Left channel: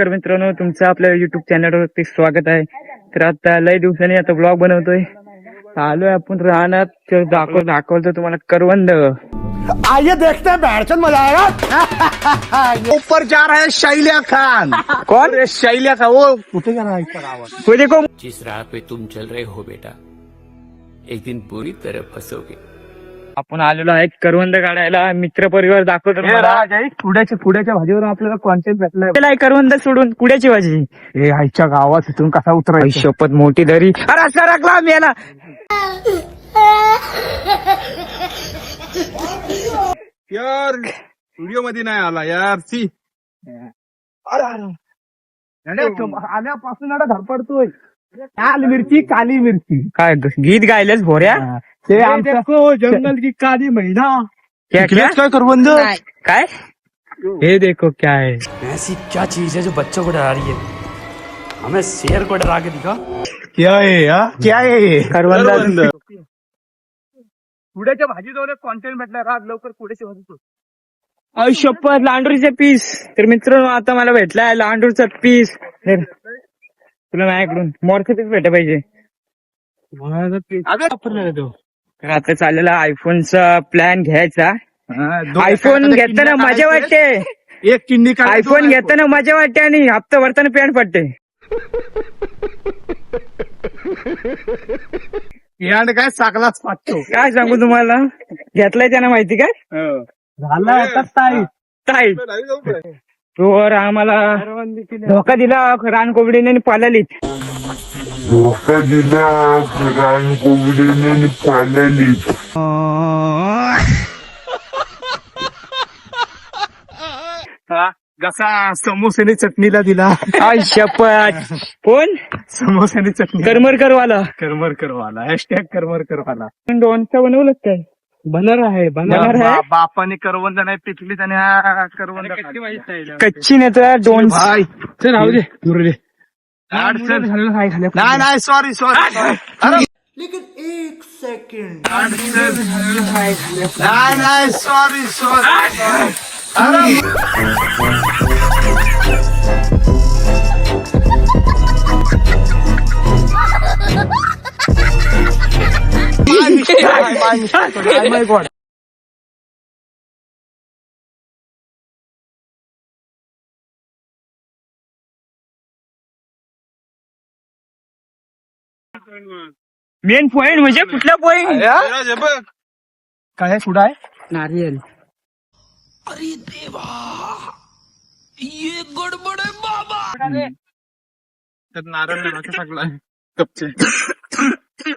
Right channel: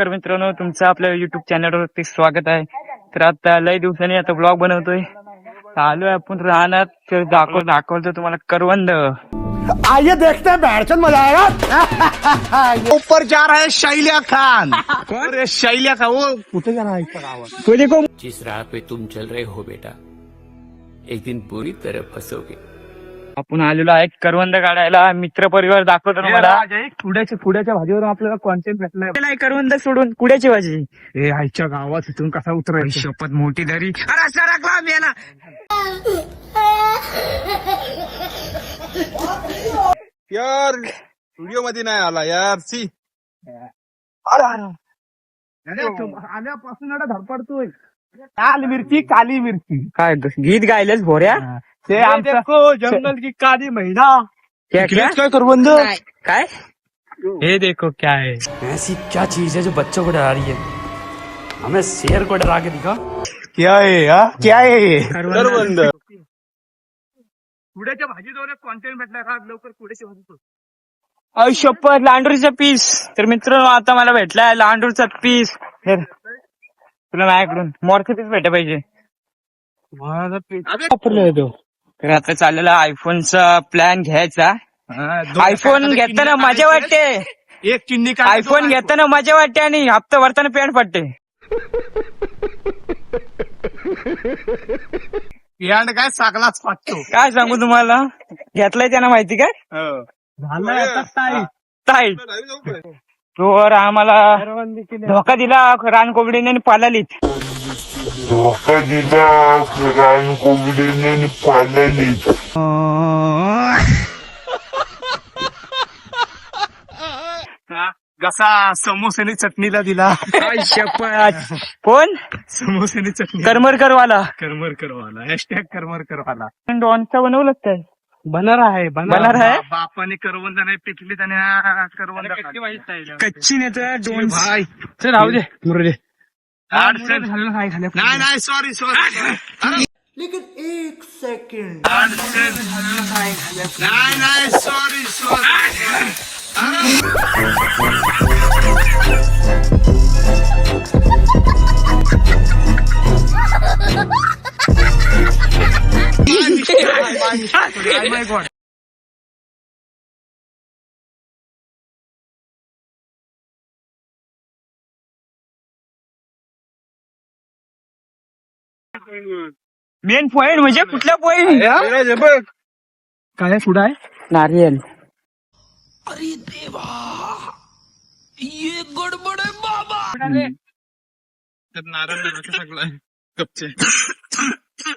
नमस्कार मित्रांनो, तुमचं आपल्या युट्यूब चॅनलवरती स्वागत आहे. तर आता लय दिवसांनी आता ब्लॉग बनवतोय. आलोय आपण राहणार तर दाखवतो तुम्हाला करवंद. आइए देखते हैं बैठ मजा आएगा. ऊपर जा रहा है शैल्या खान. कौन? अरे शैल्या खान वो वो देखो, जिस राह पे तुम चल रहे हो बेटा, एक दिन बुरी तरह फंसोगे. आपण आलेलो आहे करवंद काढायला. मित्र परिवार दाखवतो तुम्हाला. पुढ्याच्या भाजीवर आपल्याला कॉन्टेंट भेटलाय. केलाय करवंद सोडून पुढ्याची भाजी. ए आईच्या गावात इथून कसा उतरायचा. शपथ मोठी दरी. अरे सरकला मेला. यार व्हिडिओ मध्ये नाही आला यार. सी आल्यापासून आता धडपडतोय. काली मिरची काय गीत गायलेस भोऱ्या. ते आमचं जंगल की काली महिना. काय करवंद काय हे देखो क्या है. ऐसी क्या चीज है जो बच्चों को डरा रही है? हमें शेर को डरा के दिखा. क्या आहे क्या आहे करवंद. पुढ्याच्या भाजीजवळ कॉन्टेंट भेटला. राज लवकर पुढ्याची भाजी. अय शपथ लांडूरचा पीस. तर मित्रांनो आता मला भेटलाय लांडूरचा पीस. तुला माझ्याकडून मोरचा पीस भेटला पाहिजे. वापरलेला तो. तर आता चाललेला आयफोनचा प्लॅन घ्यायचा. आयफोन घेताना मजा वाटते. एक चिंडी आयफोन घेताना मजा वाटते आणि हप्ता भरताना पॅन्ट पडते. याड काय साकलाच पाचतो. काय सांगू तुम्हाला. घेतलाय त्यांना माहिती काय झाला आता ताई. तोवर आम्हाला धोका दिला रानकोंबडीने पालाली. जसा समोसेने चटणीला दिला. आय शपथ. कोण? समोसेने चटणी. करमरकरवाला. करमरकरवाला. हॅशटॅग करमरकरवाला. डॉनचा बनवलं काय. बनर आहे आहे? बापाने करवंद नाही पिकली त्याने हा करवंद कच्ची नाही तर दोन. चल राहू दे. नाही नाही सॉरी लेकिन एक सेकंड. नाही सॉरी माय गॉड. मेन पॉइंट म्हणजे कुठला पॉइंट. बघ काय सुडा आहे. नारियल. अरे देवा, ये गडबड है बाबा. तर नारळ सगळा कपचे.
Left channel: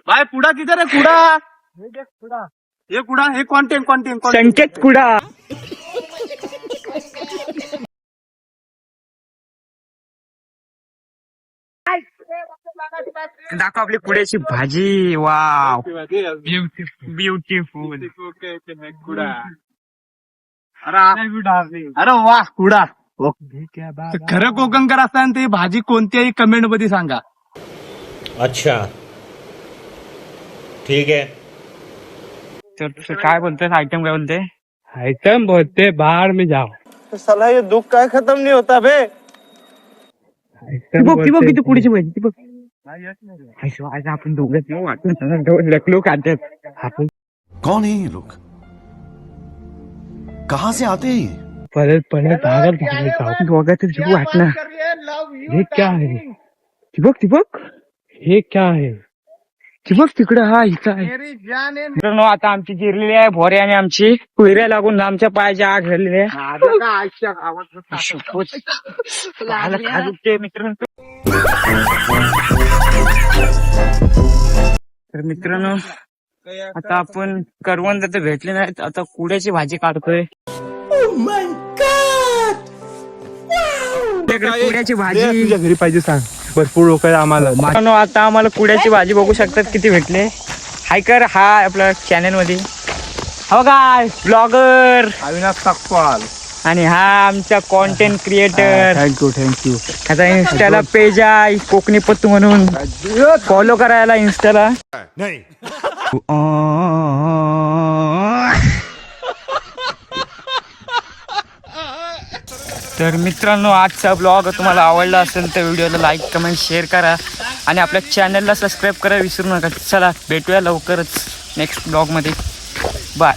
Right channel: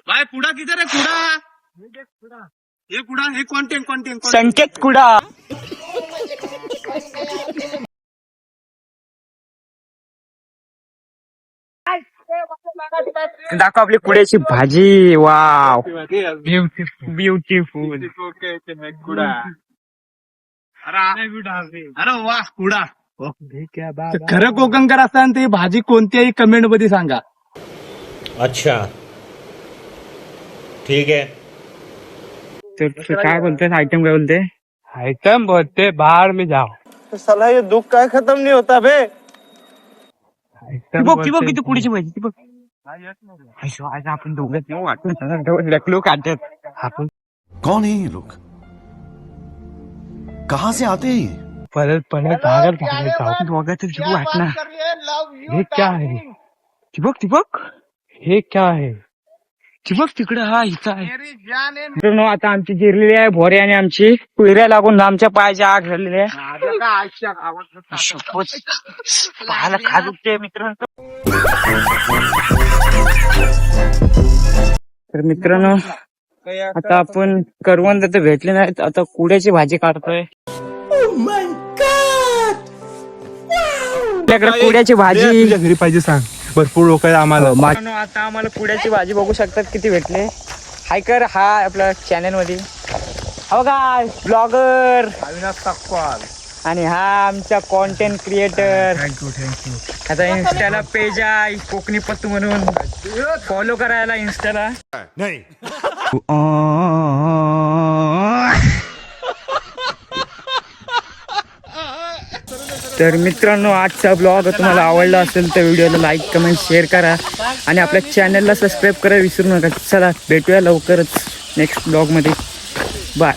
बाय पुडा किधर आहे. कुडा हे कुडा हे कॉन्टेंट संकेत कुडा. दाखव आपली कुड्याची भाजी. Wow beautiful. अरे वा कुडा. खरं कोकणकर असताना ती भाजी कोणत्याही कमेंट मध्ये सांगा. अच्छा ठीक है. तर काय बोलते आयटम. काय बोलते आइटम बोलते बाहर में जाओ. साला ये दुख का खत्म नहीं होता बे. ती बघ किती कुड्याची भाजी. ती बघ. आज आपण दोघं लकलो काढतात. कौन है ये लोग, कहाँ से आते हैं ये? परत दोघांचं जीव वाटणार. हे क्या है. ती बघ हे क्या है. तिकडं. हा इथं आहे. मित्रांनो आता आमची जिरलेली आहे भोरे आणि आमची कुयऱ्या लागून आमच्या पायाच्या आग झालेली आहे. मित्रांनो तर मित्रांनो आता आपण करवंद तर भेटले नाहीत. आता कुड्याची भाजी काढतोय. आपल्याकडे कुड्याची भाजी घरी पाहिजे सांग. भरपूर लोक आहे आम्हाला. आता आम्हाला कुड्याची भाजी बघू शकतात किती भेटले. हाय कर हा आपल्या चॅनल मध्ये. हो काय ब्लॉगर अविनाश साकपाल. आणि हा आमचा कॉन्टेंट क्रिएटर. थँक्यू. आता इन्स्टाला पेज आहे कोकणी पत्तू म्हणून. फॉलो करायला इन्स्टाला. नहीं. तर तर मित्रांनो आजचा ब्लॉग तुम्हाला आवडला असेल तर व्हिडिओला लाईक कमेंट शेअर करा आणि आपल्या चॅनलला सबस्क्राईब करा विसरू नका. चला भेटूया लवकरच नेक्स्ट ब्लॉगमध्ये. बाय.